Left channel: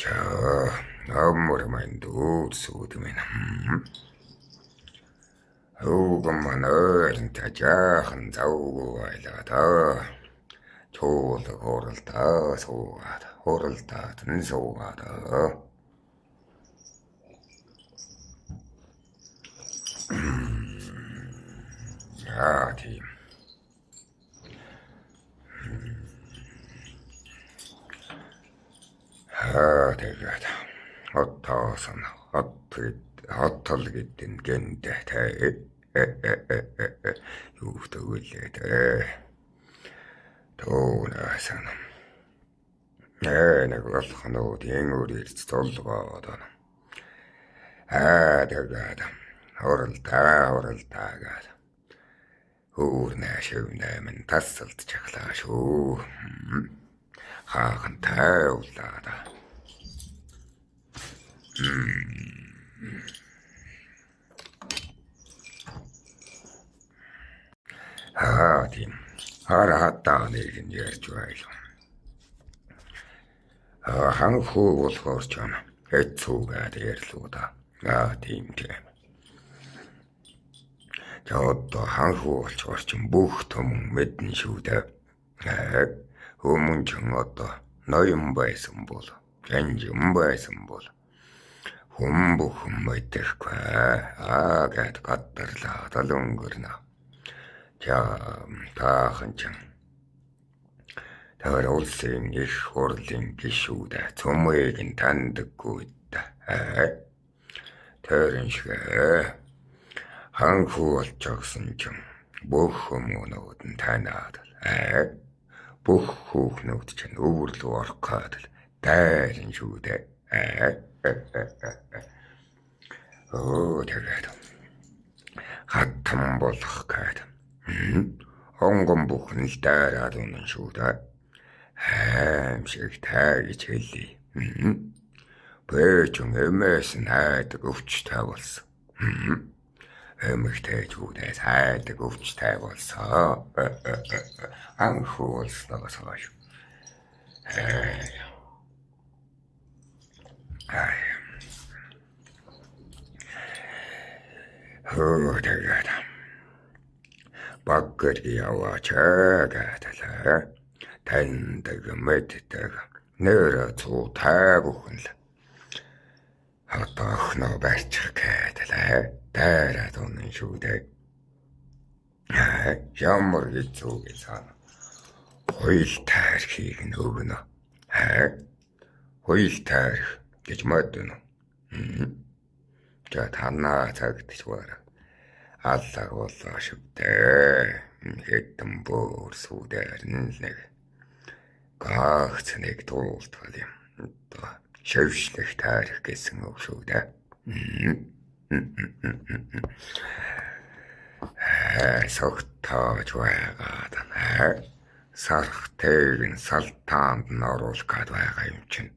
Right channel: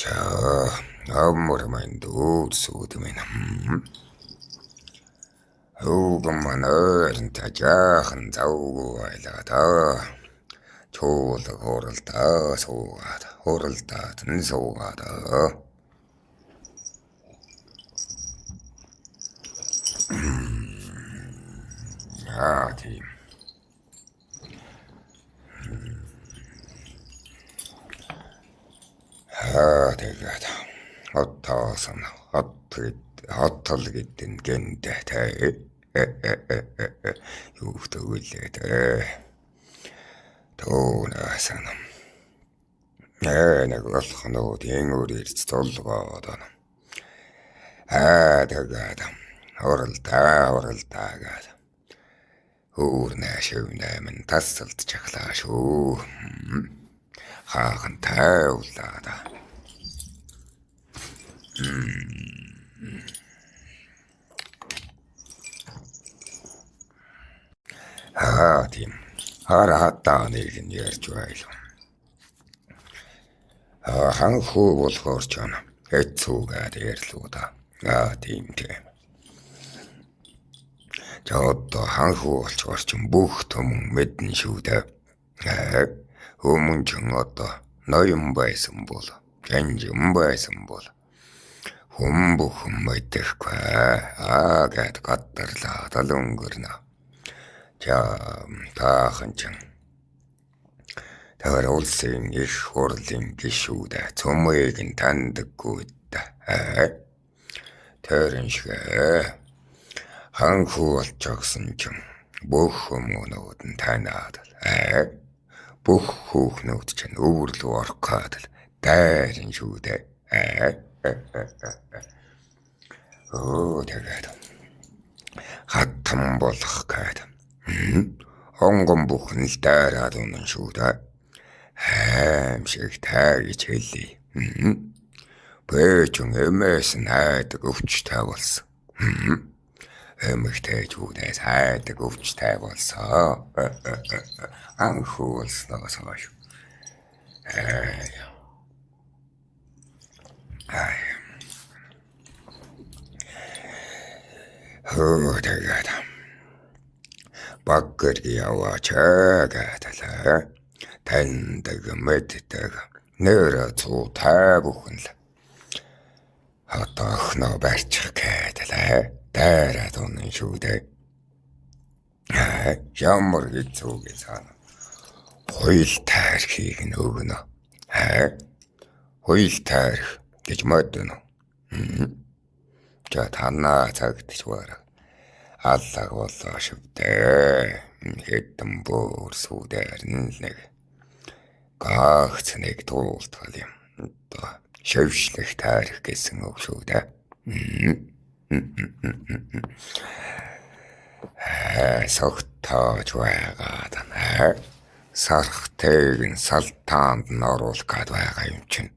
자, 아무렴한 두수드면 오금만 어른 타자한 자우고 알다다 조울다 호를다 소가다 호를다 든소가다 야팀 하대가다 어떠서나 어떨겠든 겐데 대 유도을레대 도나서는 내가 그렇다노 댕우리 돌도가다 하대가다 오를다가다 우르나 시우나면 다슬트 착라쇼 하간 타올라다 하팀 하라하따 내긴 열주아이로 한후 볼거rs잖아 해초가 될로다 하팀팀 저도 한후 볼거rs좀 무흐토문 мэдэн шүүдэ хүмүүнчэн одоо ноён байсан бол гэнжин байсан бол хүн бүхэн мэдэхгүй гэд гадарлаа талунгэрнэ за таахан ч тэр улсын их хурлын гишүүдэ цөмөйг нь тандаггүй тэрэн шиг ханху болчихсон ч бүх хүмүүнүүд нь танаад бүх хүүхнүүд чинь өвөрлөө орох гээд дайрын шүү дээ. Тэгээд хатан болох гээд онгон бүхэн л дайраад унан шүү дээ. Хайм шиг тайж хэлий. Бэжэн эмээс нь хайдаг өвчтэй болсон. Эмэгтэйчүүдээс хайдаг өвчтэй болсон. Анхuu болсноос хойш. Тэгээд баггэрги яваач гэдэлээ. Таньдаг мэддэг нэр цуу тай бүхэн л хатахна барьчих гэдэлээ. Дайраад унан шүү дээ. Ямар хэцүү гэсэн хоёул таархийг нь өгнө. Хоёул таарх гэж модно. За танаа цагтч байна. Аллах болоо шивдэ. Хэдэн бүр сүдэр нэг гагц нэг туултал юм. Одоо шившлэх таарх гэсэн үг шүү дээ. Согтоож байгаад сархтэйг нь салтаанд нь оруулах гээд байгаа юм чинь.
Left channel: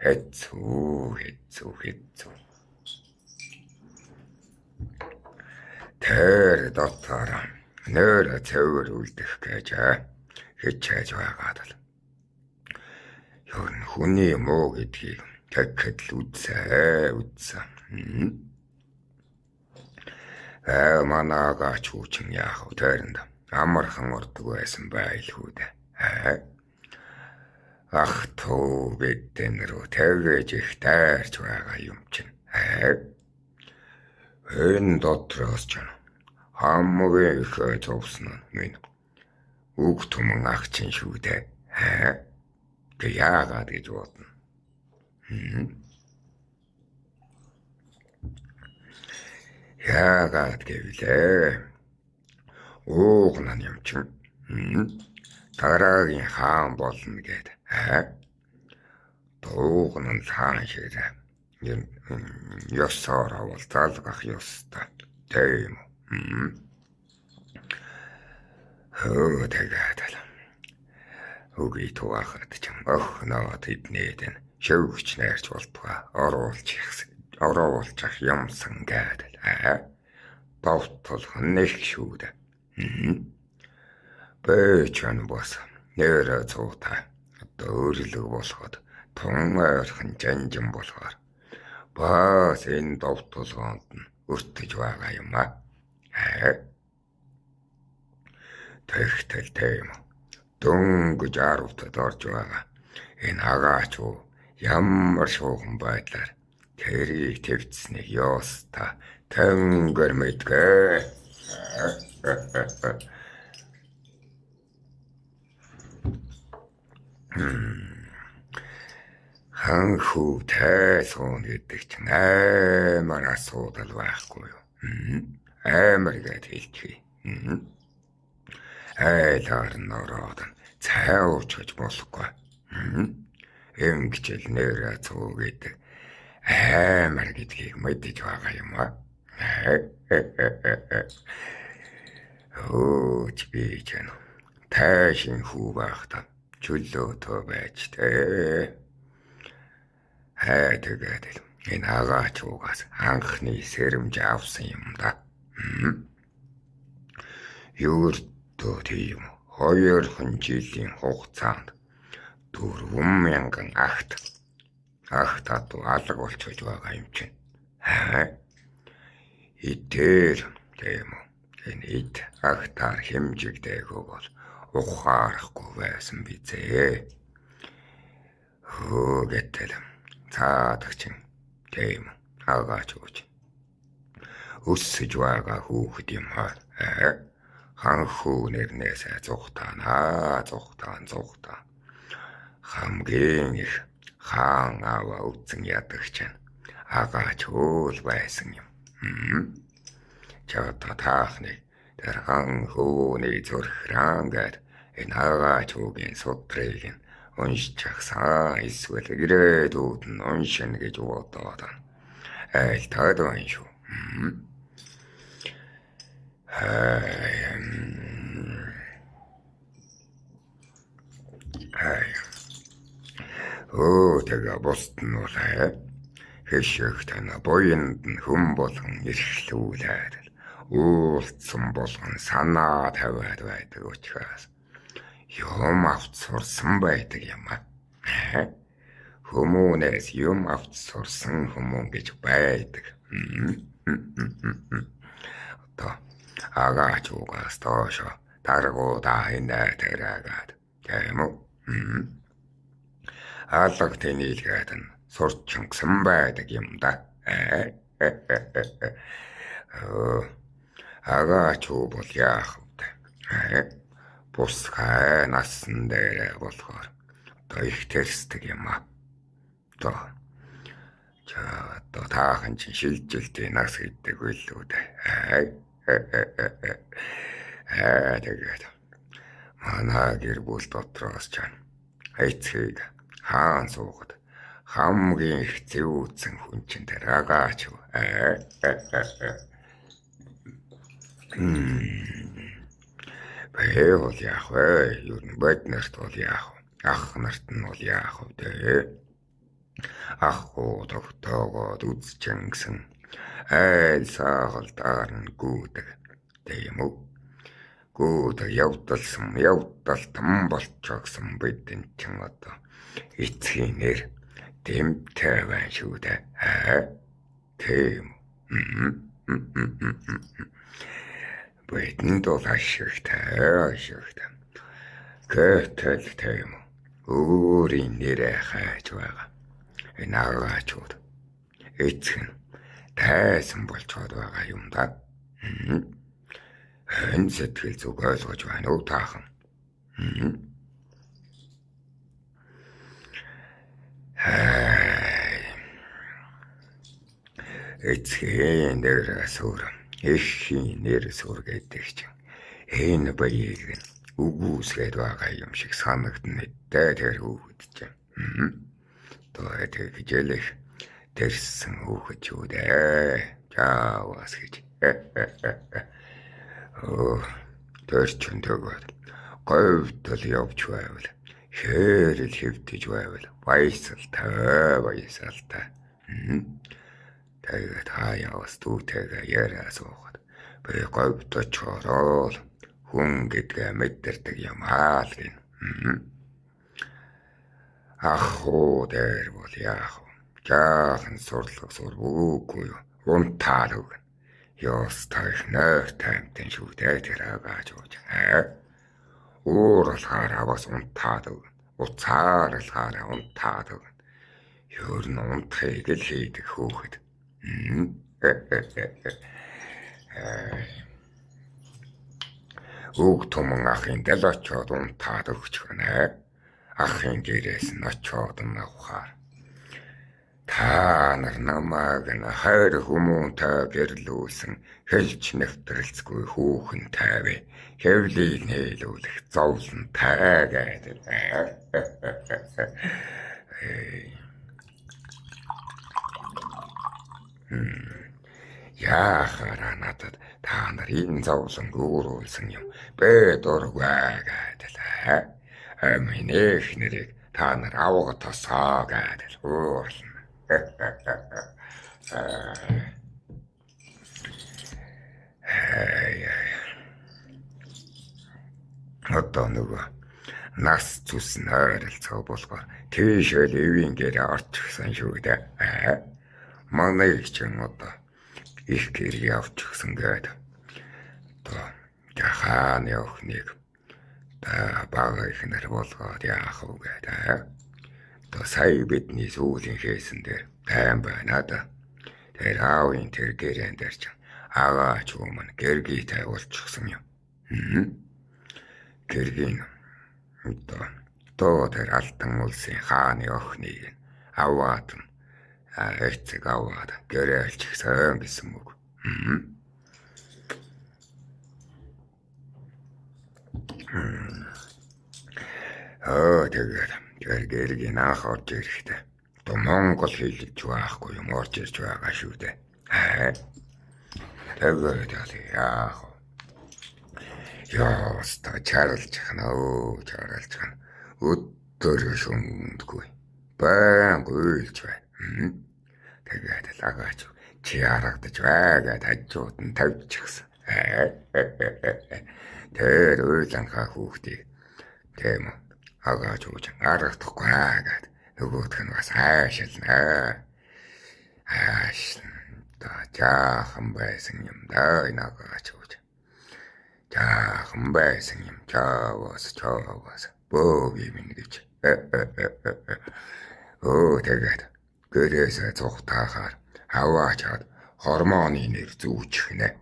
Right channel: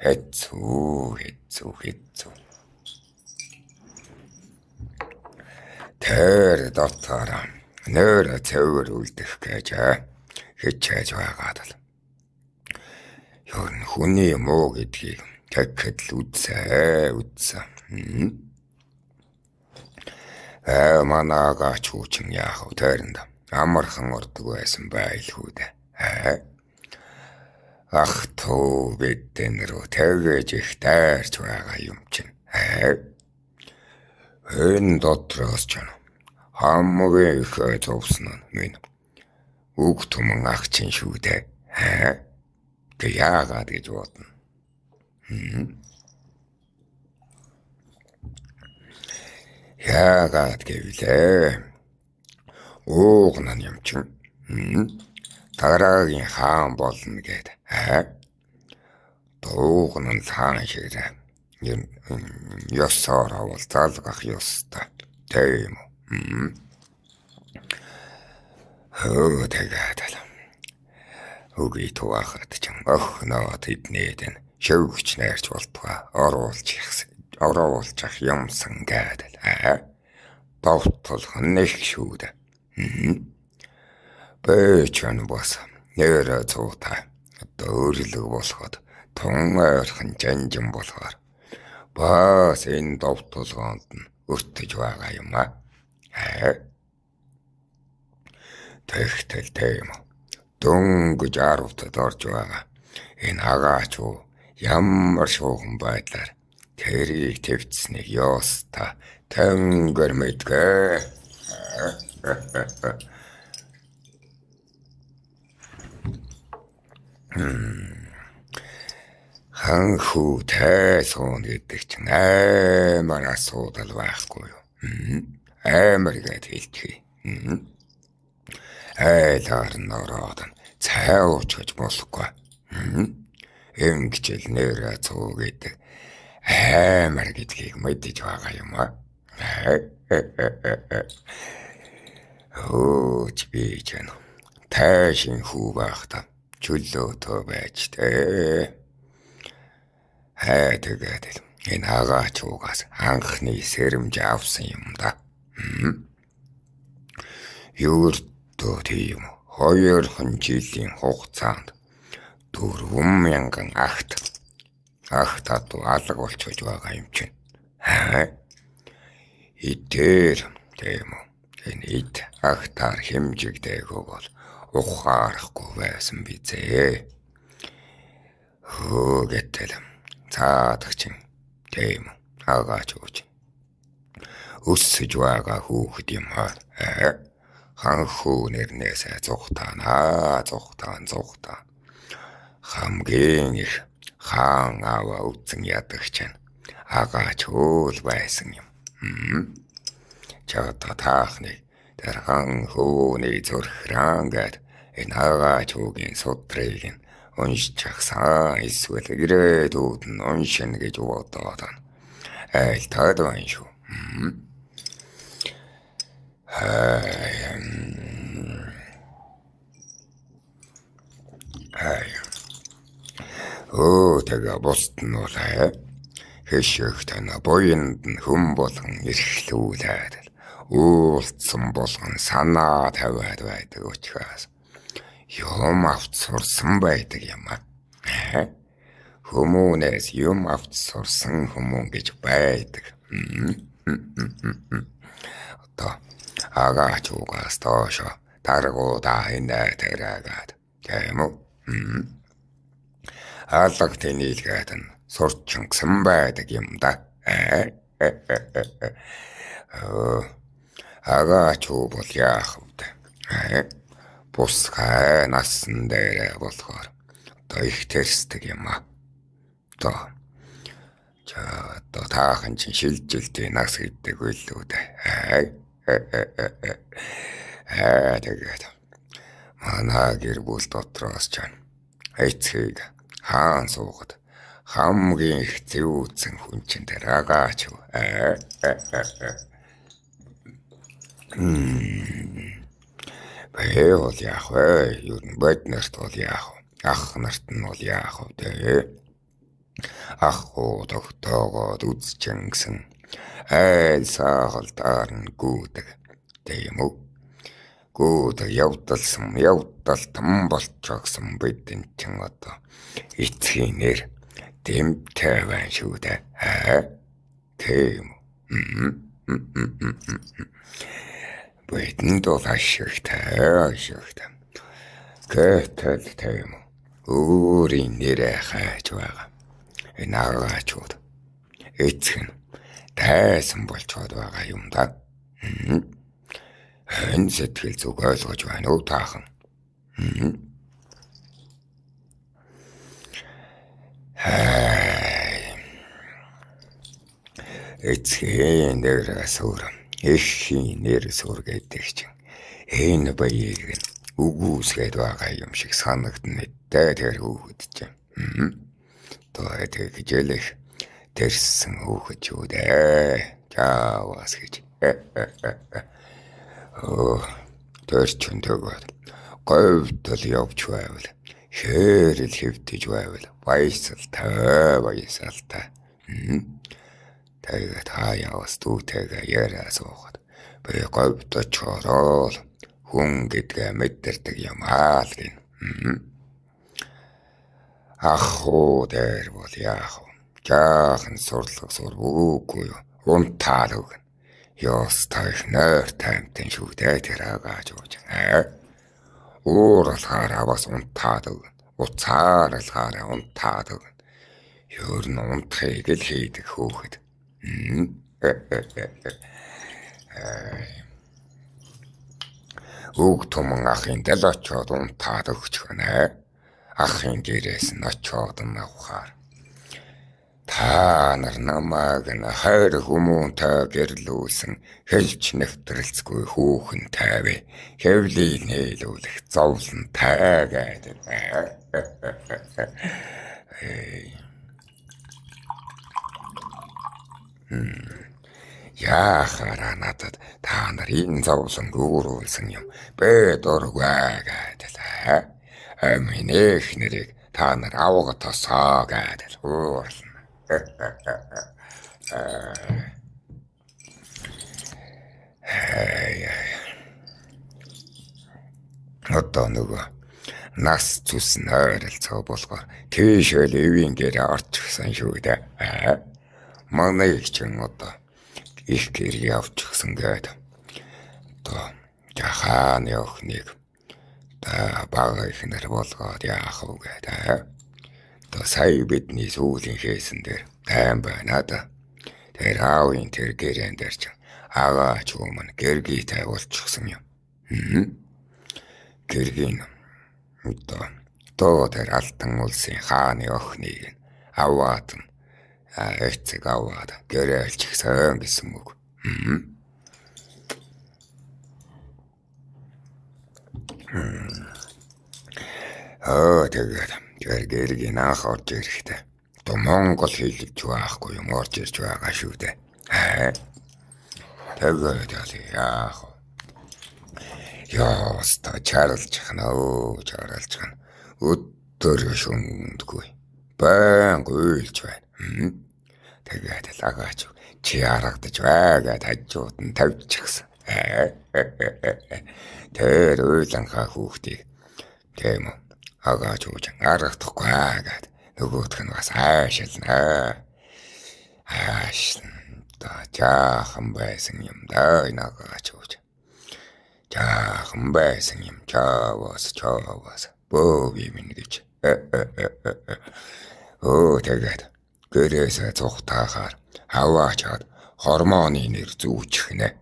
Хэцүү. Тэр дотор нөр цэвэр үлдэх гэж хичээж байгаад л. Ер нь хүний муу гэдгийг тэгэхэд л үзсэн. Манаагач хүчин яах вэ тэрэнд амархан ордог байсан байлгүй дээ. Ах тоо бидэн рүү тэгэж их дайрч байгаа юм чинь. Энэ дотроос ч хамгийн их зовсон нь минь үг түмэн ах чинь шүү дээ. Тэг яагаад гэж бодно. Яагаад гэвлээ. Уугнан юм чинь. Дараагийн хаан болно гэд. Уугнан хаан шиг ёсоор авал залгах ёстой. Тийм үү. Тэгээд үгүй туахад ч охноо тэднээд нь шөвгч найрч болтугай оруулчих юмсан гэдэл. Довтлох нэг шүү дээ. Бэчэн бос нэр цуутай одоо өөрлөг болоход тун ойрхон жанжин болохоор бас энэ дов тулгоонд нь өртөж байгаа юм аа. Тэгтэл тийм үү. Дөнгөж аравтад орж байгаа. Энэ агаач уу ямар шуухан байдлаар тэрийг твцсэнийг ёоста тэнгэр мэдгээ. Хан хүү тайсон гэдэг чинь амар асуудал байхгүй юу? Амар гэж хэлчихье. Айлаар нь ороод цай уучж болохгүй. Ингэжэл нэрэ цуу гэдэг амар гэдгийг мэдэж байгаа юм аа. Өөч би ч юм. Тайшин хүү байхдаа чөлөөтөө байж тээ. Тэгээд энэ агаач угаас анхны сэрэмж авсан юм да. Юуртөө тийм 2 жилийн хугацаанд 4,000 агт алга болчихж байгаа юм чинь. Идээр тийм үү. Энэ ид агтаар хэмжигдээгүй бол ухаарахгүй байсан бизээ. Гэтэл цаадагч юм тийм агаач ууч өссөж байгаа хүүхэд юм аа. Хан хүү нэрнээсээ зүхтаана. Хамгийн их хаан аваа үтсэн ядагч нь агаач уул байсан юм. Чата таахны тэр хан хүүний зүрхран гэд энэ агаач уугийн судрыг нь уншчихсан эсвэл ирээдүйд нь уншина гэж бодоод айлтаад байна шүү. Тэгээ бусд нь бол хэшигтэй буйнд нь хүм болгон эрхлүүлээд уулцсан болгон санаа тавиад байдаг учраас юм авч сурсан байдаг юм аа. Хүмүүнээс юм авч сурсан хүмүүн гэж байдаг. Одоо агаач угаас доошо таргуудаа хинэ тэрэгээд тийм үү. Аллагт нийлгээд нь сурчсан байдаг юм да. Агаач уу бол яах вэ? Бус хай насан дээрээ болохоор одоо их тэрсдэг юм аа. Одоо таахан чинь шилжилтийн нас гэдэг үлээ дээ. Тэгээд манай гэр бүл дотроос ч эцгийг хаан суугаад хамгийн их зэвүүцэн хүн чинь тэр агаач юу. Бэл бол яах вэ? Юу бод нарт бол яах вэ? Ах нарт нь бол яах вэ? Ах уу тогтоогоод үзчихсэн айл саагалдаар нь гүйдэг тийм үү. Гүйдэг явдалтан болчихсон бидэн чин одоо эцгийн нэр дэмтэй байна шүү дээ. Тийм. Бидэнд бол ашигтай. Гэтэл тийм өөрийн нэрээ хайж байгаа. Энэ агаачууд эцэг нь тайсан болцоод байгаа юм да. Энэ сэтгэл зүг ойлгож байна уу таахан? Эцгийн нэр сур, эхийн нэр сур гэдэг чинь энэ баяыг үгүйсгээд байгаа юм шиг санагдана мэдээ тэр хүүхэд чинь. Тэгээд хэлэх тэрсэн хүүхэд юу дээ. Чаавас гэж. Тэр чинь тэгээд говьдол явж байвал хэрэл хэвтэж байвал баясалтай. Тэгээд хаяас дүүтэйгээ яриа суухад би говьдож чорол хүн гэдгээ мэдэрдэг юм аа л гин. Ах уу дээр бол яах вэ? Жаахан сурлаг сур үгүй юу? Унтаал үг. Ёстой их нойр таймтэн шүү дээ тэр агааж ууж. Ууралахаар аваас унтаад үг. Уцааралахаар унтаад үг. Ёр нь унтахыг л хийдэг хөөхд. Үг туман ахын дэл очоод унтаад өгч гэнэ. Ахын дээрээс нь очоод авахаар. Та нар намайг н хайр хүмүүнтэй гэрлүүлсэн хэлж нэвтрэлцгүй хүүхэн тайвэ хэвлийг нээлүүлэх зовлон тайгаад. Яахаараа надад та нар энэ зовлон гүүрүүлсэн юм бэ дургүй гэдэл. Амин их нэрийг та нар авга тосоо гэдэл уурлна. Одоо нөгөө нас зүс нойролцоо болохоор тийшэл ивийн гэрээ орчихсан шүү дээ. Манай их чин одоо их гэрээ авчихсан гээд одоо жахааны охиныг бага ихнэр болгоод яах вэ гэдэг. Одоо сая бидний сүүлийн хийсэн дээр тайм байна да. Тэр аавын тэр гэрэн дээр ч агаач өмнө гэргий тавьуулчихсан юм. Гэргийн одоо тэр алтан улсын хааны охиныг аваад эцэг аваад гэрэлчихсэн гэсэн үг. Тэгээд тэр гэргийн анх орж ирэхдээ одоо Монгол хэлж байхгүй юм орж ирж байгаа шүү дээ. Тэгээд яах вэ? Яста чарлжхна өдөр шүндгүй баян уйлж байна. Тэгээд л агаач чи харагдаж байгаад хажууд нь тавьчихсан. Тэр уйланхаа хүүхдийг тийм үү агаач ууж харагдахгүй гэд нөгөөх нь бас аашилна. Та жаахан байсан юм да энэ агаач ууж. Жаахан байсан юм чаваас бөөв юм гэж. Тэгээд гэрээсээ цухтахаар хаваачаад хормоны нэр зүүчих нэ.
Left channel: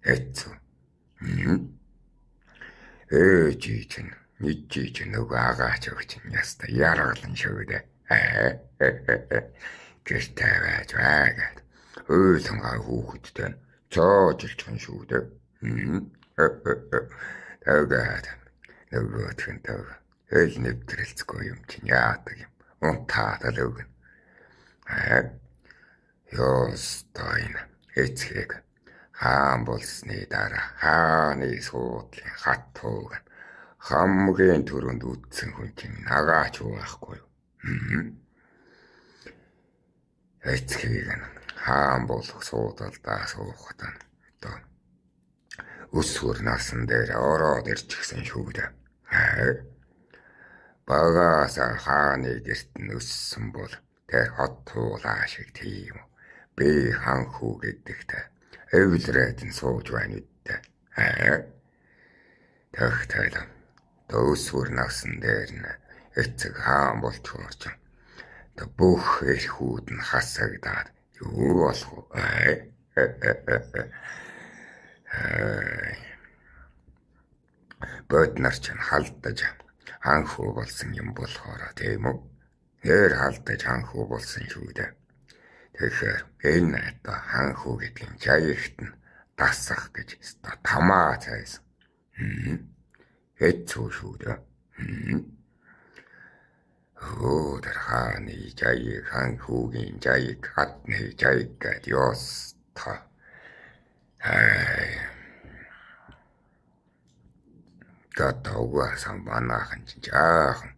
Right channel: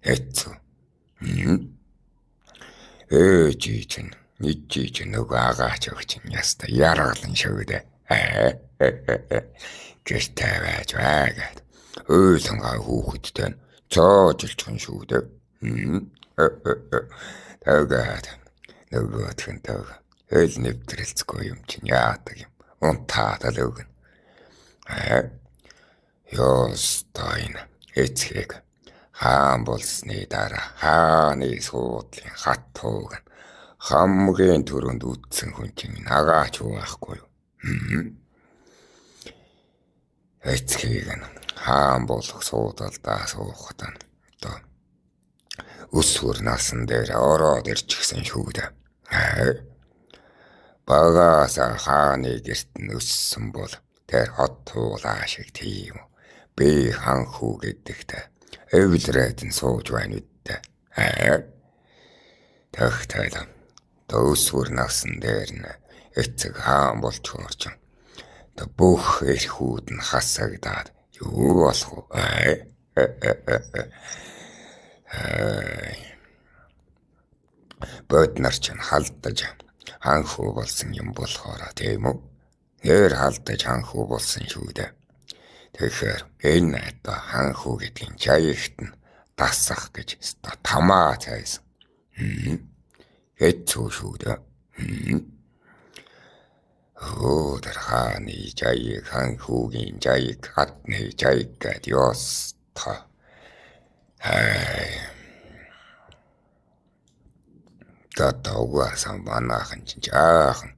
Эцүү. Чи чинь нөгөө агаач өгч нь яста яргалан шүү дээ. Гэртээ байж байгаад ойлонгаа хүүхэдтэй цоожилчихсан шүү дээ. Тэгээд нөгөөх нь хэл нэвтрэлцгүй юм чинь яадаг юм. Унтаад л өгнө. Ёстой эцгийг хаан болсны дараа хааны суудлын хат тууг хамгийн түрүүнд үтсэн хүн чинь агаач уу байхгүй юу? Эцгийг хаан болох суудалдаа суухад одоо өсвөр насан дээр ороод ирчихсэн шүү дээ. Багаас хааны гэрт нь өссөн бол тэр хот туулаа шиг тийм үү. Би ханхүү гэдэгтэй эвлрээд нь сууж байна үдтэй. Тэгтэл өсвөр насан дээр нь эцэг хаан болж орж бүх эрхүүд нь хасагдаад юу болох вэ? Бод нар ч халдаж ханхүү болсон юм болохоор тийм үү? Нэр халдаж ханхүү болсон шүү дээ. Тэгэхээр энэ одоо ханхүү гэдгийн жаягт нь дасах гэж тамаа цайсан. Хэцүү шүү дээ. Тэр хааны жаяг, ханхүүгийн жаяг, хатны жаяг гэд ёстой. Тэгээд угаасан манайхан ч жаахан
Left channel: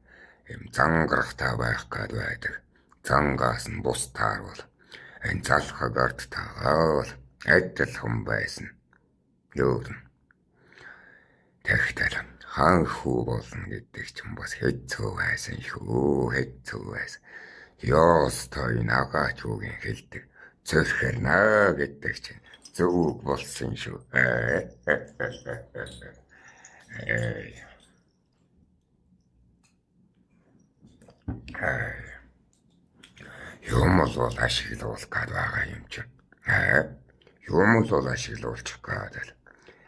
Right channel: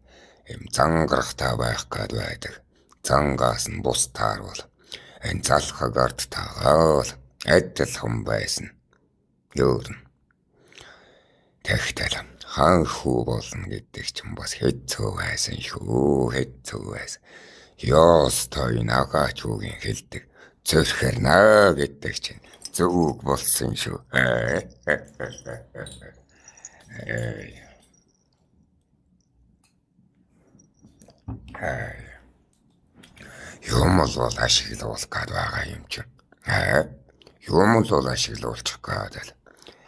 юм зангарахтай байх гээд байдаг. Зангаас нь бус таарвал энэ залхаг ард таагаал адилхан байсан. Ёорн. Тэгтэл хан хүү болно гэдэг чинь бас хэцүү байсан шүү. Хэцүү байсан. Ёстой нагаач үгийн хэлдэг. Зөрхөрнө гэдэг чинь зөв болсон шүү. Юм бол ашиглуулах гээд байгаа юм чинь. Юм бол ашиглуулчих гээд л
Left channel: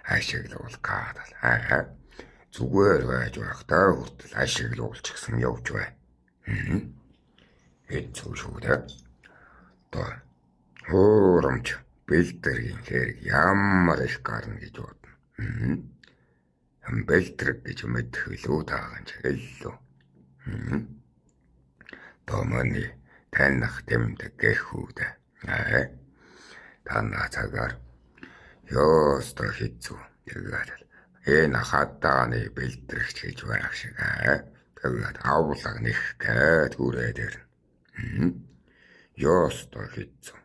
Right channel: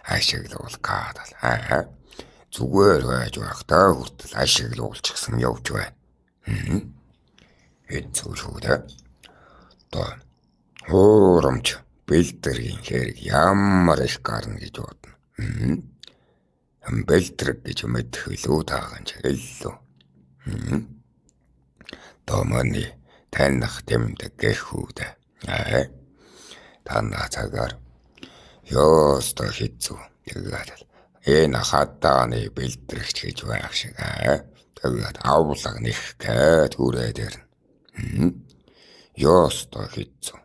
ашиглуулах гээд л зүгээр байж байхдаа хүртэл ашиглуулчихсан явж байна. Хэцүү шүү дээ. Одоо хуурамч бэлдэргийн хэрэг ямар их гарна гэж бодно. Бэлдрэг гэж мэдэх илүү таахан ч илүү. Томоны таних тэмдэг гэхүүдэ. Танаа цагаар ёстой хэцүү. Тэгээд энэ хатааны бэлдрэгч гэж байх шиг. Тэгээд авлага нэх гээд хүрээд ирнэ. Ёстой хэцүү.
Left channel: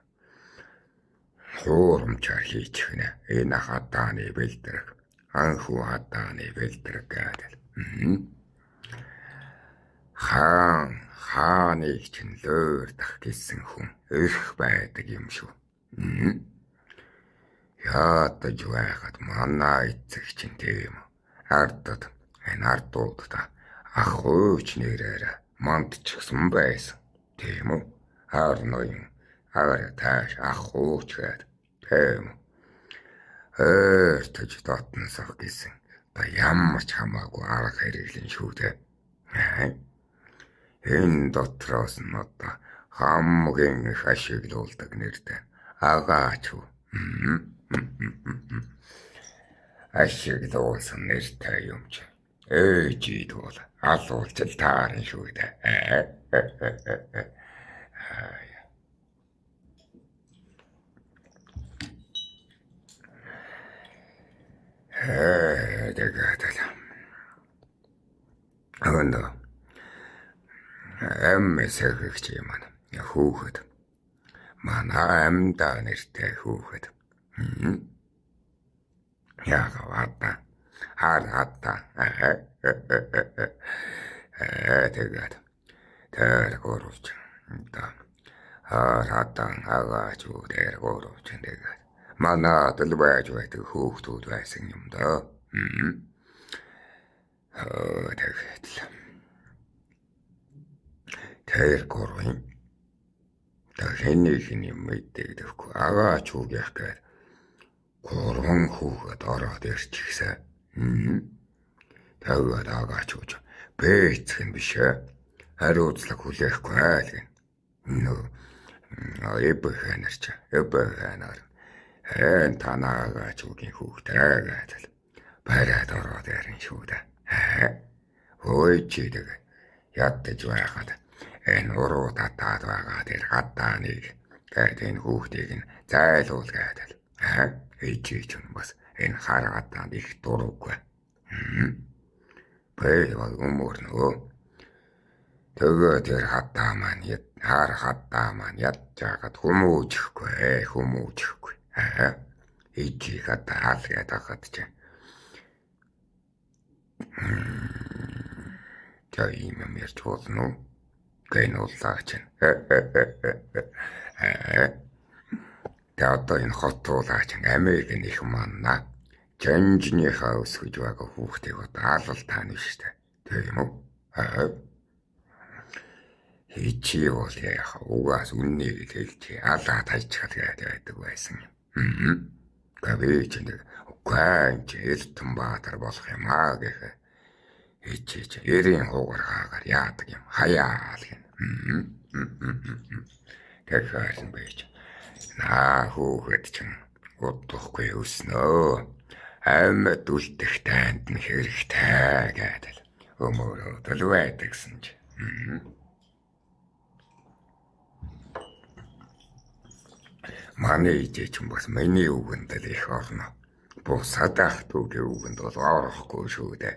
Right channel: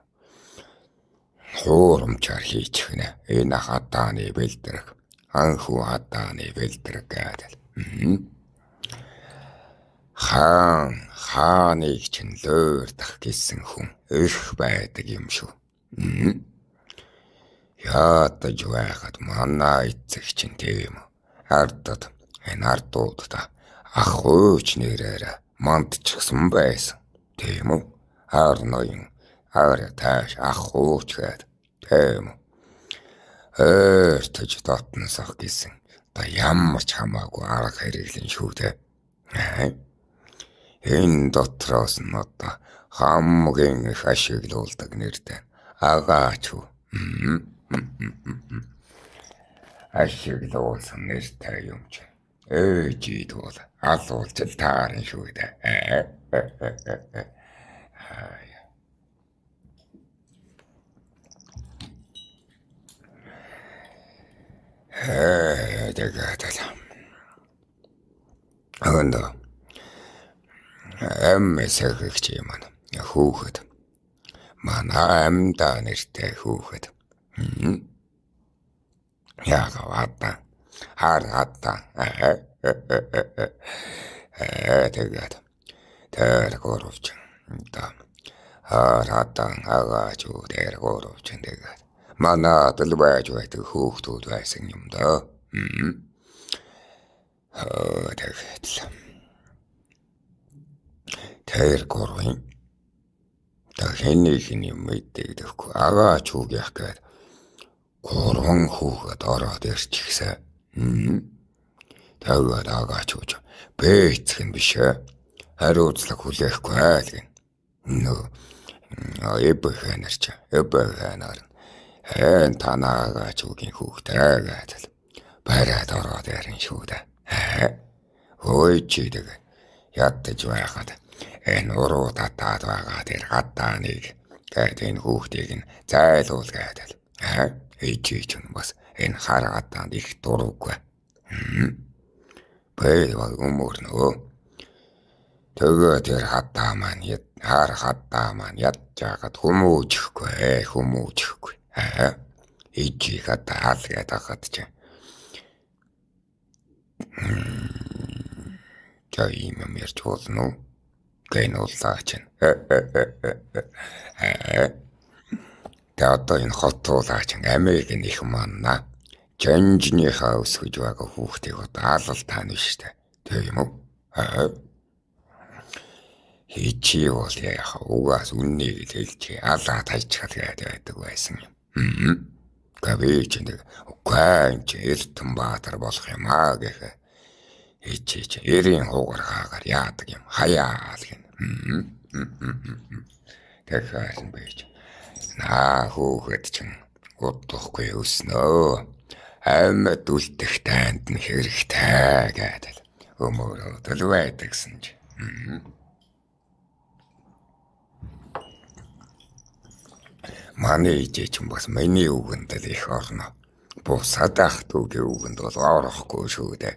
Хуурамчаар хийчих нэ. Энэ хатааны бэлдрэг. Анхүү хатааны бэлдрэг гэдэг. Хааныг чинь лөөрдөх гэсэн хүн их байдаг юм шүү. Ядаж байхад манай эцэг чинь тийм үү. Ардад энэ ардуудаа ах ууч нэрээр мандчихсан байсан. Тийм үү. Арноён ара тааш ах ууч гээд тийм үү. Өртөж дотносох гэсэн. Та ямар ч хамаагүй арга хэрэглэн шүү дээ. Энэ дотроос нь одоо хамгийн их ашиглуулдаг нэртэй агаач уу. Ашиглуулсан нэртэй юм чи. Ээжид бол алуулж л таарна шүү дээ. Тэгээд л. Андаа. Сэхэгч юм аа. Хүүхэд. Манай амдаа нэртэй хүүхэд. Яагаад харгата. Тэгээд тэр горовч. Да. Харатан агаач уу тэр горовч тэгээд. Манай дэлбэж байдаг хүүхдүүд байсан юм да. Тэгээд л. Тэр горвын хэнийг юм мэдээгүй агаач үг яах гээд гурван хүүхэд ороод ирчихсэн. Тэгээд агаач үг бэцэх юм биш ээ. Хариуцлага хүлээхгүй л гин. Эбэхэнэр танаа агаач үгийн хүүхдээ гэдэг бараад ороод ирэн шүү дээ. Хөөе чи тэгээд ядаж байхад энэ уруу татаад байгаа тэр хатааныг гээд энэ хүүхдийг нь зайлуул гэдэг. Ичиж юм бас энэ хар хатаанд их дурггүй. Бэйвал өмөрнөө. Тэгээд тэр хатаа маань хар хатаа маань ядчаагаад хүмүүжихгүй. Ичиж хатаа л гэдэг хат чи. Та юм ярьж болно. Гэн улаач. Тэгээд энэ хотуулаач Америкийн их манна. Жанжныхаа өсгөж байгаа хүүхдийг алал таана штэ. Тийм үү? Хичи бол яах угаас үннийг хэлж алаа тайчхал гэдэг байсан юм. Гэвч нэг үгүй чи Эрдэнэ Баатар болох юм гэх. Хичиж эрийн хуугаар хаагаар яадаг юм хаяал гин. Тэгэхээр юм байж. Хүүхэд чинь удахгүй өснөө. Амьд үлдэх танд нь хэрэгтэй гэдэг. Өмөрөө л байдагсан чи. Манай ээжээ чинь бас миний үгэнд л их орно. Бусад ах дүүгийн үгэнд бол орохгүй шүү дээ.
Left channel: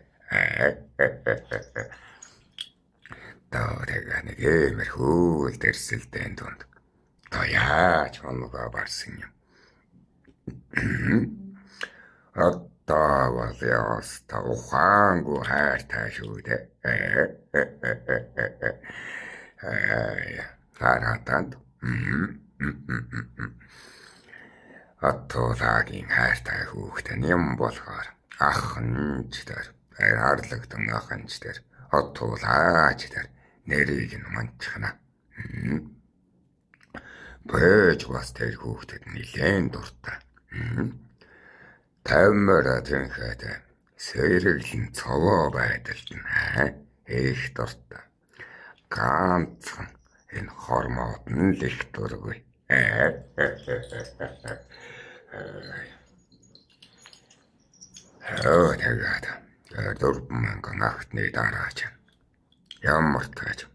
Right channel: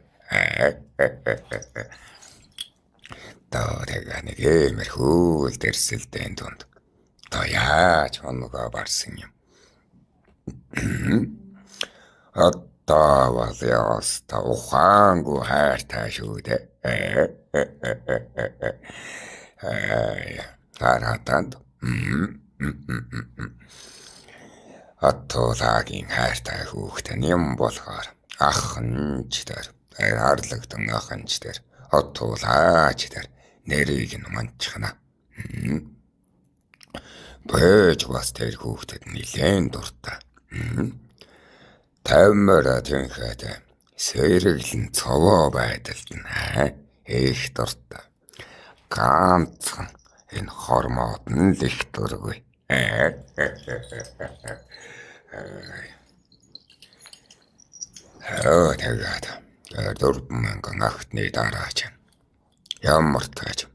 Тэгээд нэг иймэрхүү дэрсэлтэн донд. То яаж оногоо барсан юм. Одоо бол яста ухаангүй хайртай шүү дээ. Таратанд. Атуулагийн хайртай хүүхдэн юм болохоор ахынч дээр хайрлагдсан ахынч дээр атуулаач дээр нэрийг нь манчхна. Бэж бас тэр хүүхдэд нилээн дуртай. Таймер тэнхэд сэрэглэн цовоо байдалд нь их дуртай. Ганцхан энэ хормоод нь л их дургүй. Тэгээд дөрвөн ахтны дараач ямар тааж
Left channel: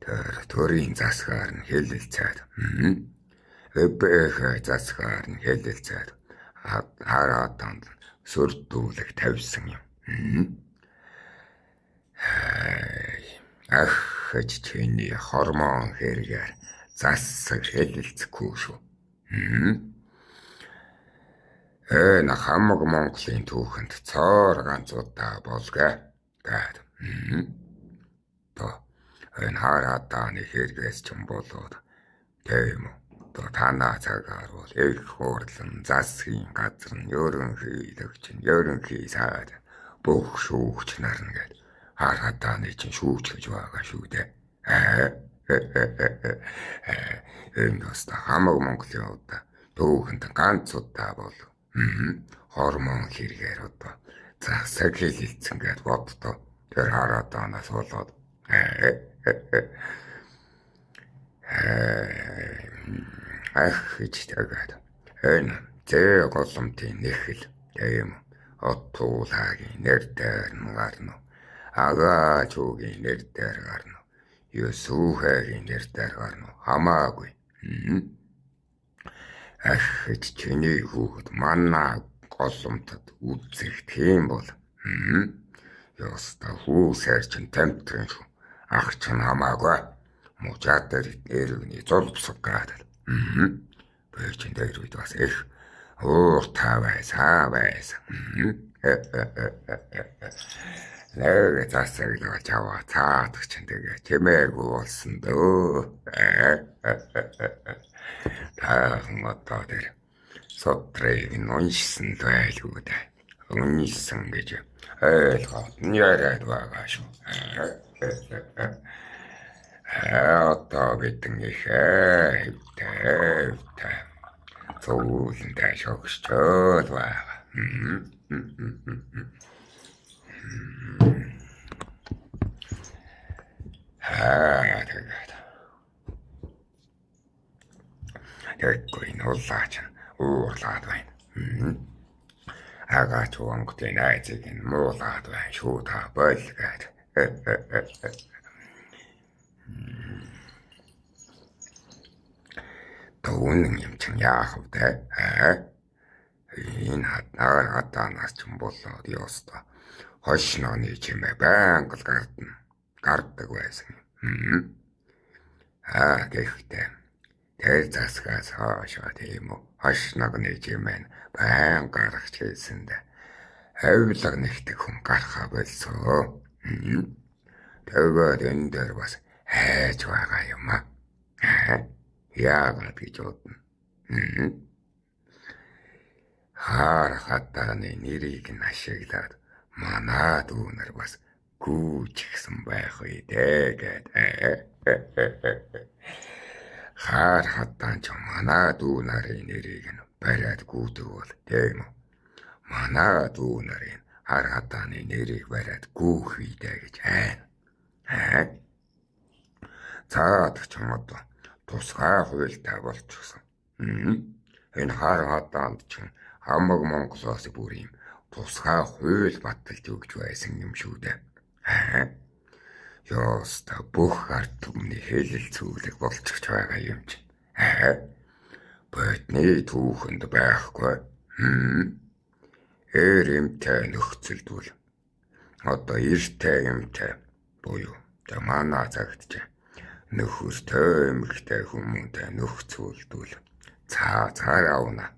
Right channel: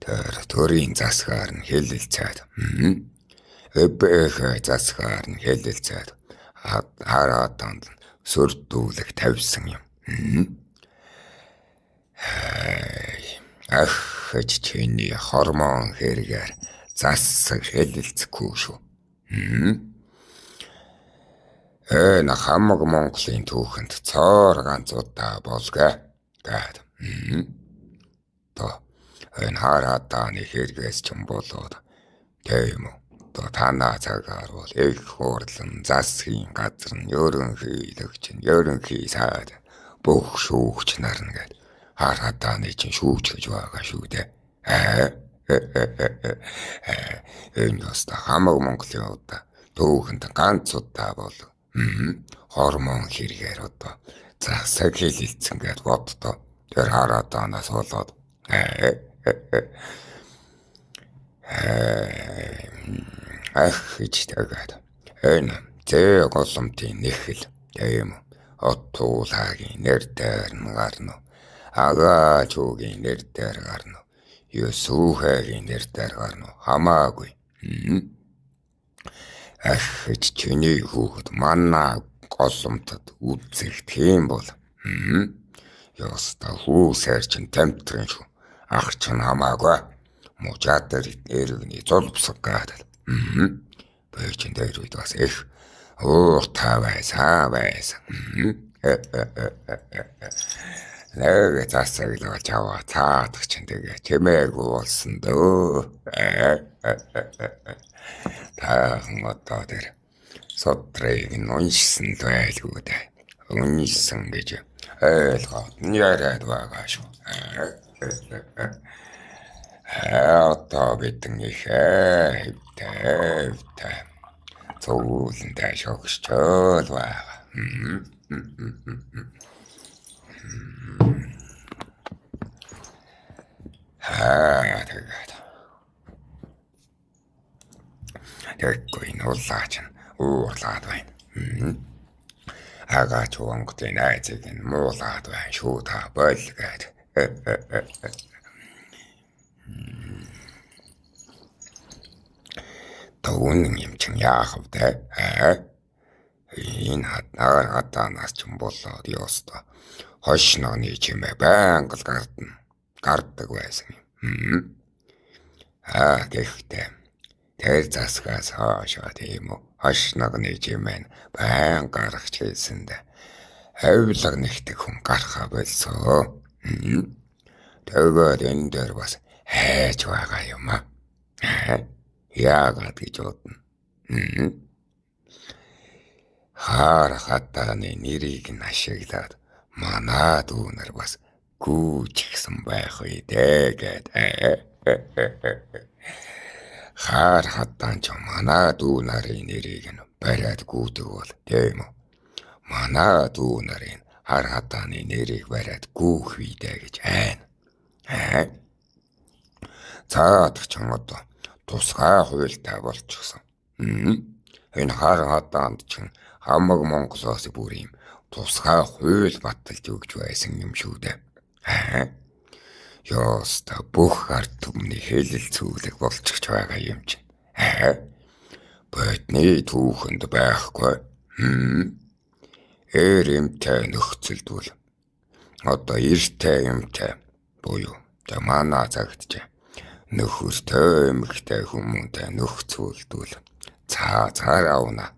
тэр төрийн засгаар нь хэлэлцээд эбэх засгаар нь хэлэлцээд хараатанд сүрдүүлэг тавьсан юм. Гэж чиний хормон хэрэгээр засаг хэлэлцэхгүй шүү. Энэ хамаг Монголын түүхэнд цоор ганц удаа болгээ гэд. То энэ хараатаны хэрэгээс ч юм болоод тийм үү. Танаа цагаар бол их хурдан засгийн газар нь ерөнхийлөгч нь ерөнхий сайд бүх шүүгч нар нэгэд хараатаны чинь шүүж гэж байгаа шүү дээ. Энэ бас хамаг Монголын удаа түүхэнд ганц удаа бол хормон хэрэгээр одоо засаг хэлэлцэн гэд боддоо. Тэр хараатанаас болоод гэж тэгээд энэ зээ голомтын нэхэл тийм оттуулагийн нэр дээр нь гарна. Агаачуугийн нэр дээр гарна. Юсүүхэгийн нэр дээр гарна. Хамаагүй. Гэж чиний хүүхэд манаа голомтод үзэх тийм бол ёста хүүсээр чин тамтрын шүү. Ах чинь хамаагүй. Мужаад дээр нэрвний зулбсаг гадал. Бэйчин дээр үед бас их ууртай байсан. Нэг засаг л жаваа цаадах чинь тэгээ чимээгүй болсон дөө. Тахан одоо тэр сотрыг уншсан байлгүй дээ. Уншсан гэж ойлгоод яриад байгаа шүү. Одоо бидэн их хэвтэй цуулантай шогшчод байгаа. Тэгээд тэгэхгүй нуулаач нь уурлаад байна. Агаач Монголын найзыг нь муулаад байна шүү та болгээд. Төвөн юм чинь яах вэ? Энэ хатанаас ч юм болоод ёстой. Хошнооны чимээ байнга л гардаг байсан юм. Гэхдээ тэр засгаас хаашаа тийм үү? Хошнооны чимээ байнга гарах чийсэндээ хавлаг нэгтэг хүн гарахаа болсоо. Тэгээд энэ дээр бас хайж байгаа юм аа. Яагаад гэж бодно. Хатаны нэрийг нь ашиглаад манай дүүнэр бас гүйчихсэн байх үү тэгээд. Хатан ч манай дүүнарын нэрийг нь бариад гүйдэг бол тийм үү. Манай дүүнарын хатаны нэрийг бариад гүйх үйдэ гэж айна. Цаад ч юм одоо тусгай хуультай болчихсон. Энэ хатанд чинь хамаг Монголоос бүр юм тусгай хууль баталж өгч байсан юм шүү дээ. Ёста бүх ард түмний хэлэлцүүлэг болчихж байгаа юм чинь. Бодны түүхэнд байхгүй. Эмтэй нөхцөлдүүл. Одоо эртэй эмтэй буюу манай цагт нөхөртэй эмэгтэй хүмүүнтэй нөхцөлдүүл цаараа уна.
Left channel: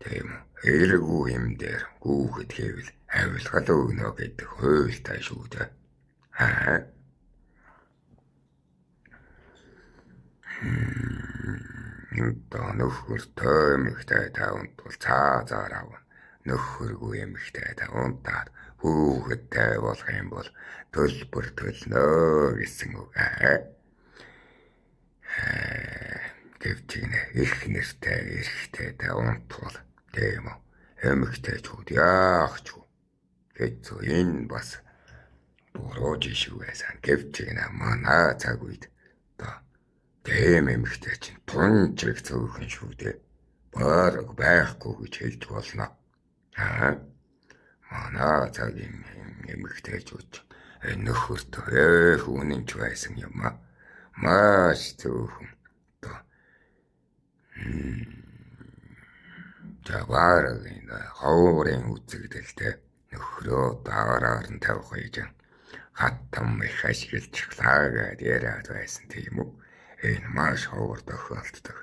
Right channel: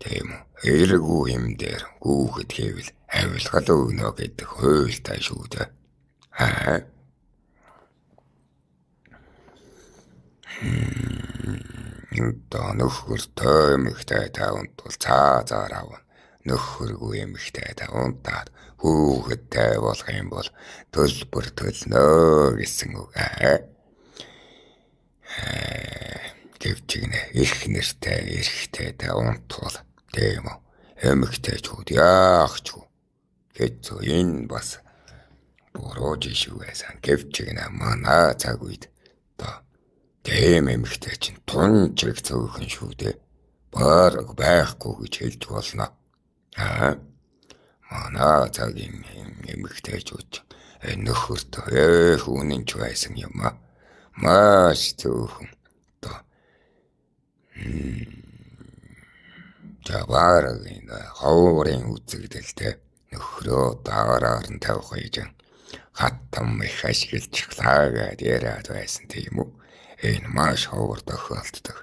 Тийм үү. Эергүй юм дээр хүүхэд хэвэл авилгал өгнө гэдэг хуультай шүү дээ. Аа. Одоо нөхөр тоймогтай таванд бол цаазаар авна. Нөхөргүй эмэгтэй тавандаад хүүхэдтэй болох юм бол төлбөр төлнө гэсэн үг. Гэвчигнэ их нэртэй эрэгтэй таванд бол тийм үү. Эмэгтэйчүүд яахчгүй. Хэцүү энэ бас буруу жишүү байсан. Гэвчигнэ манай цаг үед одоо тийм эмэгтэй чинь тунжиг цөөхөн шүү дээ. Бараг байхгүй гэж хэлж болно. Манай цагийн эмэгтэйчүүд нөхөртөө хүнэнч байсан юм аа. Маш цөөхөн. Одоо Жаваар энэ ховрын үзэгдэлтэй нөхрөө даараар нь тавих гэж хаттам их ашиглаж хлагаад яриад байсан тийм үү. Энэ маш ховор тохиолддог.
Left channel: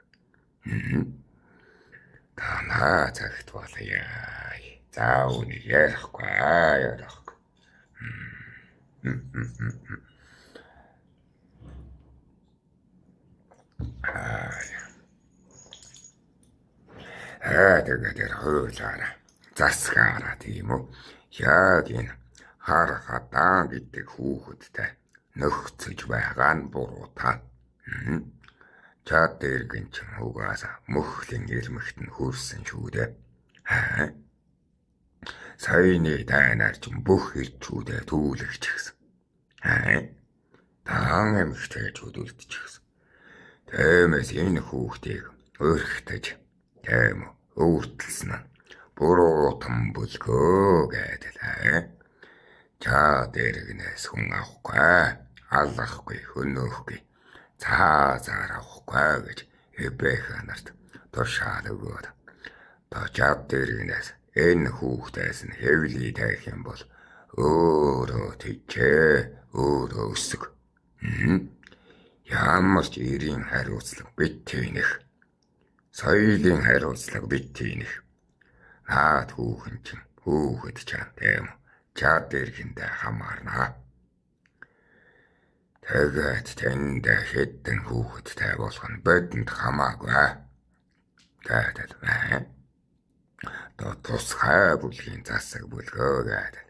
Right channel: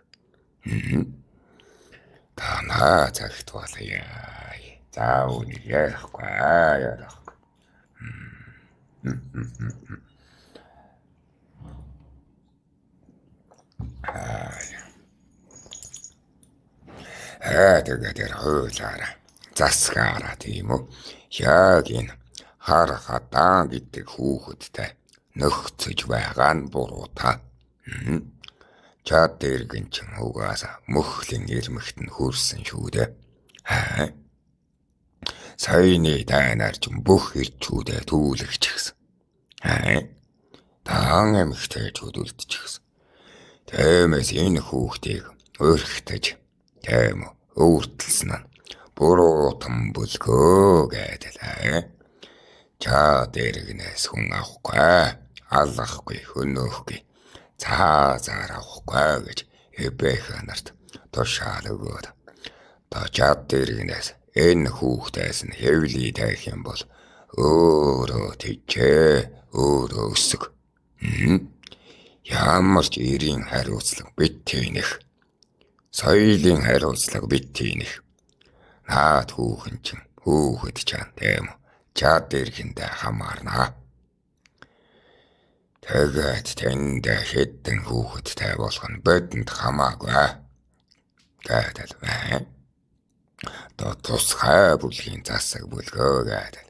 Танаа цагт болъё. За үнийг ярихгүй ярихгүй. Тэгээд яа хойлоо засгаараа тийм үү. Яг энэ хар хатаа гэдэг хүүхэдтэй нөхцөж байгаа нь буруу та. Чад дэргэн чин угаасаа мөхлийн ирмэгт нь хүрсэн шүү дээ. Саяны дайнаар ч бүх ирчүүдээ түүлэгч гисэн. Таан эмэгтэйчүүд үлдчихсэн. Тэмээс энэ хүүхдийг өрхтөж тийм өөртөлсөн нь буруу там бүлгөө гэдэл. Чад дэргнээс хүн авахгүй, аллахгүй, хөнөхгүй. Цаазаар авахгүй гэж эбэхэ нарт тушаал өгөөд. Чад дэргнээс энэ хүүхдээс нь хэвлий таих юм бол өөрөө тийчээ өөрөө өсөг. Ямар ч эрийн хариуцлага битэнэх. Соёлын хариуцлага битэнэх. Наад хүүхэн чинь хүүхэд чан тийм чад дэргэндээ хамаарнаа. Тэгээд тэнд хэдэн хүүхэдтэй болох нь бидэнд хамаагүй. Гэдэг байна. Тусгай бүлгийн засаг бүлгөө гэдэг.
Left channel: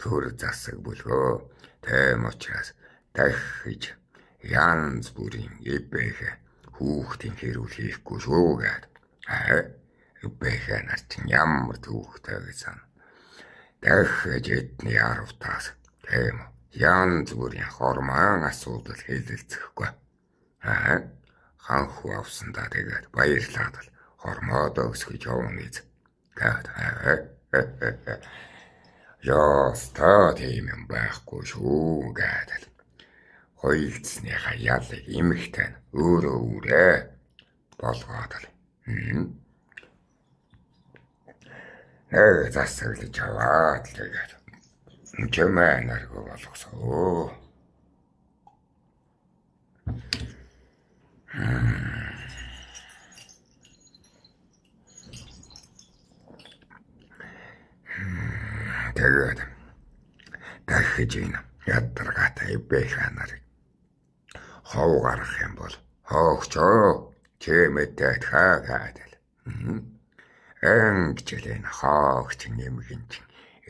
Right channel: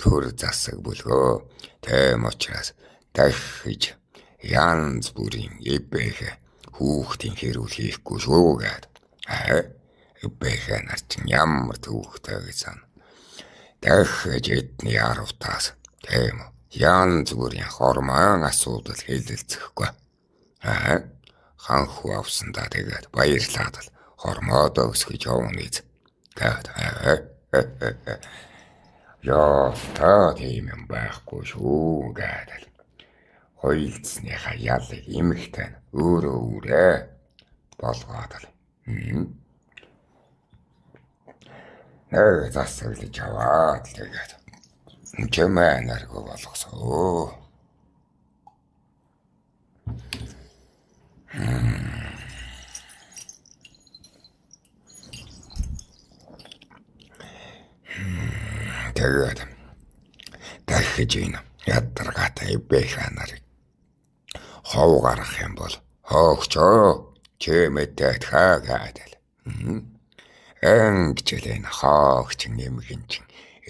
Төр засаг бүлгөө. Тийм учраас дахиж янз бүрийн эбэхэ хүүхдийн хэрүүл хийхгүй шүү гэдэг. Эбэхэ нар чинь ямар түүхтэй гэсэн. Дахиж эдний аравтаас тийм янз бүрийн хормон асуудал хэлэлцэхгүй. Ханху авсандаа тэгээд баярлаад л хормоодоо өсгөж явна гэж. Яа, тийм юм байхгүй шүү гэдэг. Хойлцсныхаа ялыг эмэгтэй нь өөрөө болгоод л. Нэг засаглаж аваад тэгээд чимээ наргүй болгосоо. Тэгээд дахиж энэ ядаргаатай эбэхэ нарыг хов гарах юм бол хоогчоо чимээтэй тхаагаадал. Энгчл энэ хоогч нэмгэн чин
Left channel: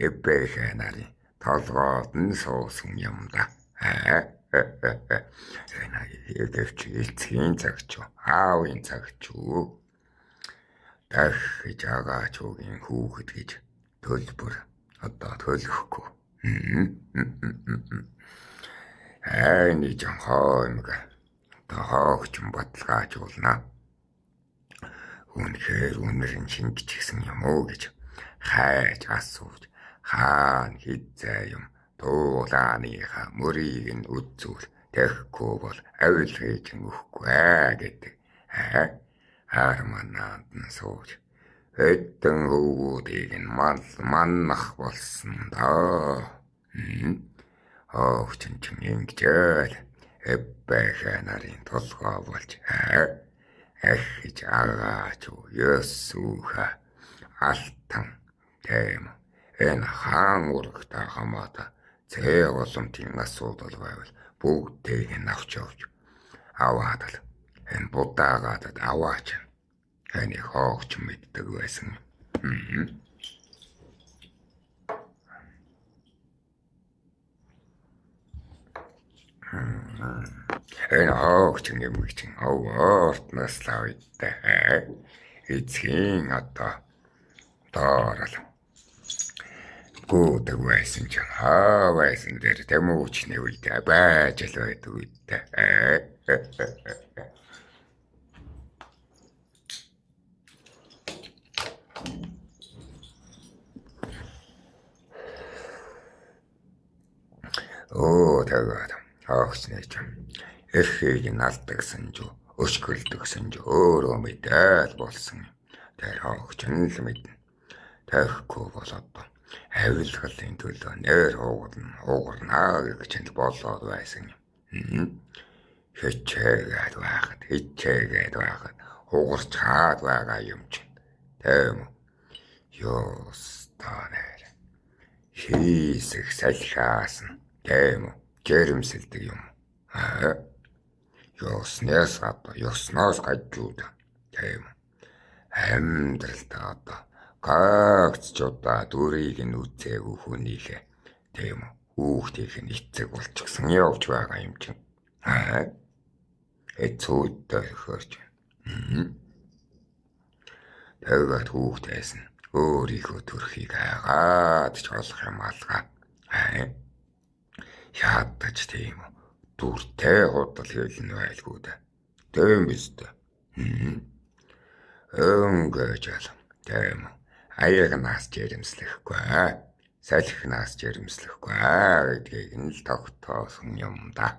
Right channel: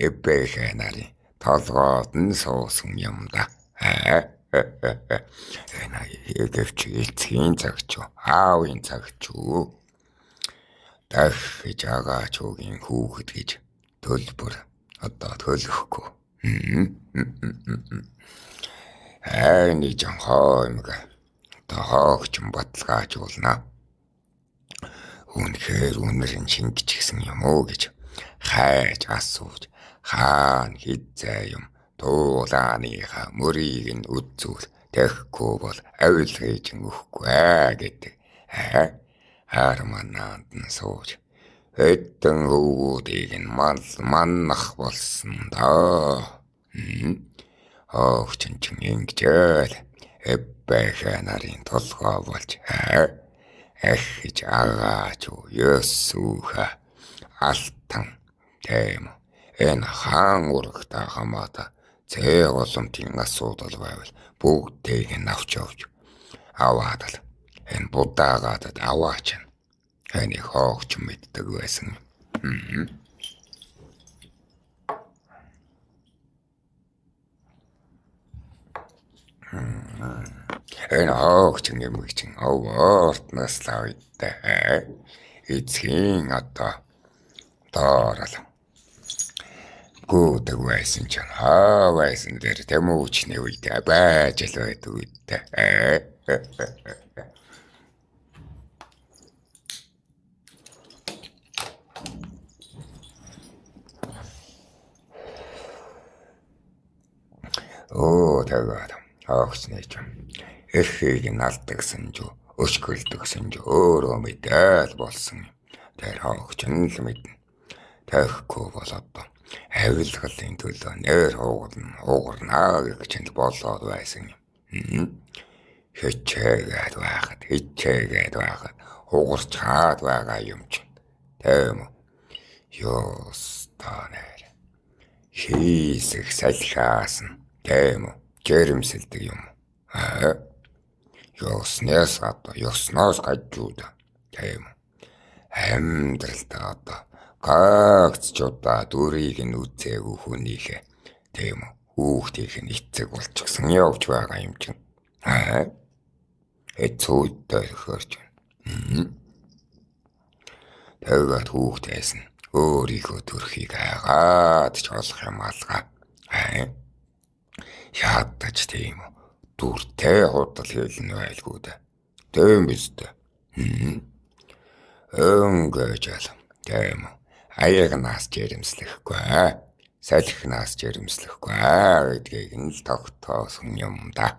эбэхэ нарын толгойд нь суусан юм да. Энэ эгвч эцгийн цагч аавын цагч дахиж агаач үгийн хүүхэд гэж төлбөр одоо төлөхгүй. Айны жан хоймог тоогч баталгаажуулна. Үнэхээр үнэрэн шингэж гисэн юм уу гэж хайж асууж хаана хизээ юм туулааныхаа мөрийг нь үзүүл тэхгүй бол авилгаж өгөхгүй гэдэг. Харманаад нь сууж хэдэн хөвгүүдийг нь маннах болсон доо. Хоогч чин ингэжэл эбэхэ нарын толгой болж ахиж агаач ёсууха алтан тийм үү. Энэ хаан урагтаа хамаата зээ голомтын асуудал байвал бүгдийг нь авч явж аваад л энэ будаагаадад аваач. Энийг хоогч мэддэг байсан. Энэ хоогч нэмэгч овоортноос лавидтай. Эцгийн одоо доорол гүдэг байсан ч байсан дээр тэмүүчний үедээ байж л байдаг үедээ. Тэгээд хоогч нэж эхийг нь алдагсан ч өшгөлдөгсөн ч өөрөө мэдээд болсон. Тэр хоогч нь л мэднэ. Тэхгүй болоод авилгалын төлөө нэр хугарнаа гэж л болоод байсан. Хичээгээд байхад хугарч хаад байгаа юм чинь. Тийм үү? Ёстонэр хийсэх салхиас нь тийм үү? Жирэмсэлдэг юм. Ёсноос гажууд. Тийм үү? Амьдралдаа одоо гагц ч удаа дүрийг нь үзээгүй хүнийхээ тийм үү? Хүүхдийнх нь эцэг болчихсон явж байгаа юм чинь. Эцүүдтэй хөрч. Тэгээд хүүхдээс нь өөрийнхөө төрхийг хайгаад ч олох юм алгаа. Ядаж тийм үү? Дүртэй худал хэлнэ байлгүй дээ. Тийм биз дээ. Өнгөж ал. Тийм үү? Аягнаас жирэмслэхгүй. Салхинаас жирэмслэхгүй гэдгийг нь л тогтоосон юм да.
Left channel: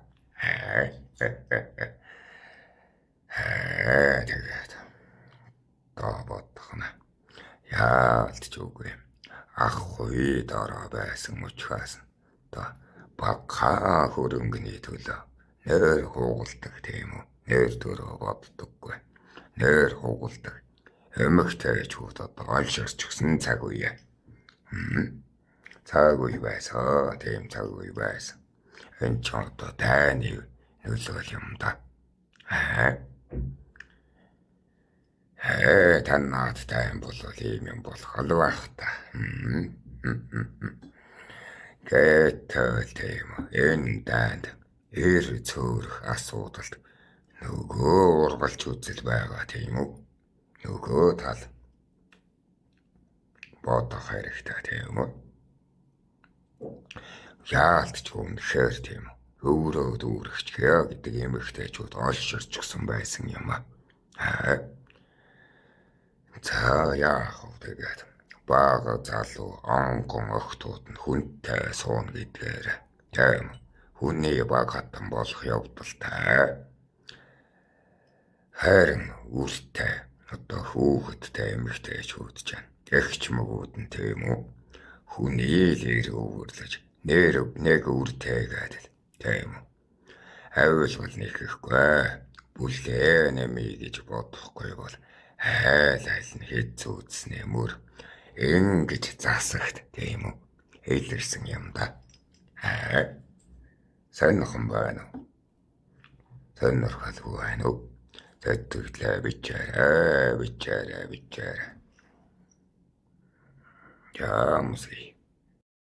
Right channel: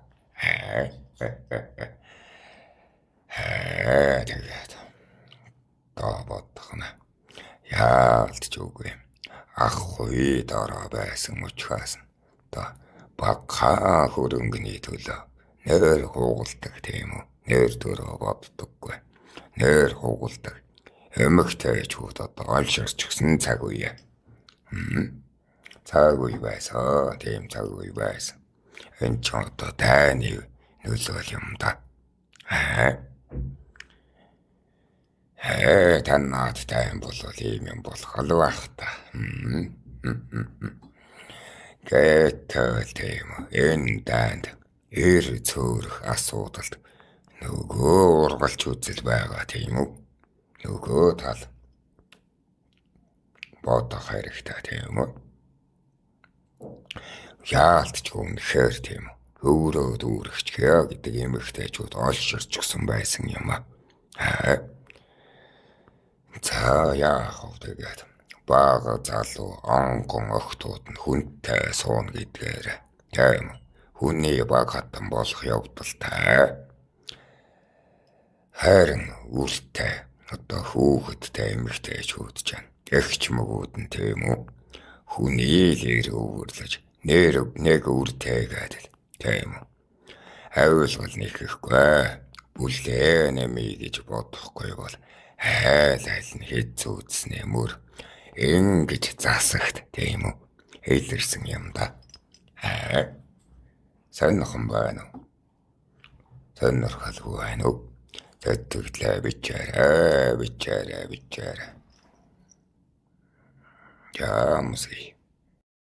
Тэгээд бодох нь яалтч үгүй. Ах хуй дараа байсан учраас багахан хөрөнгөний төлөө нэр хугалдаг тийм үү? Нэр төрөө боддоггүй. Нэр хугалдаг. Эмэгтэйчүүд одоо олширч гисэн цаг үе. Цаг үе байсан. Тийм цаг үе байсан. Энэ ч одоо таны нөлөөл юм да. Танаад тайм бол ийм юм болох л байх та. Гэтэл тийм энэ данд цөөрөх асуудалд нөгөө ургалч үзэл байгаа тийм үү? Нөгөө тал бодох хэрэгтэй тийм үү? Яалтч үнэхээр тийм үү? Өөрөө дүүрэгч гэдэг эмэгтэйчүүд олширч гисэн байсан юм аа. За яах вэ тэгээд бага залуу онгон охтууд нь хүнтэй суун гэдгээр тийм хүний баг хатан болох явдалтай. Харин үртэй одоо хүүхэдтэй эмэгтэйчүүд ч эгч мөгүүд нь тийм үү? Хүний лэр өвөрлөж нэг үртэйгээд тийм үү? Авилгал нэхэхгүй бүлээ нэмий гэж бодохгүй бол айл нь хэд зүүцснээ мөр ингэж засагт тийм үү? Хэлэрсэн юм да. Сонирхон байна уу? Сонирхолгүй байна уу? Тэтгэлээ бичээрэй. Ямсий.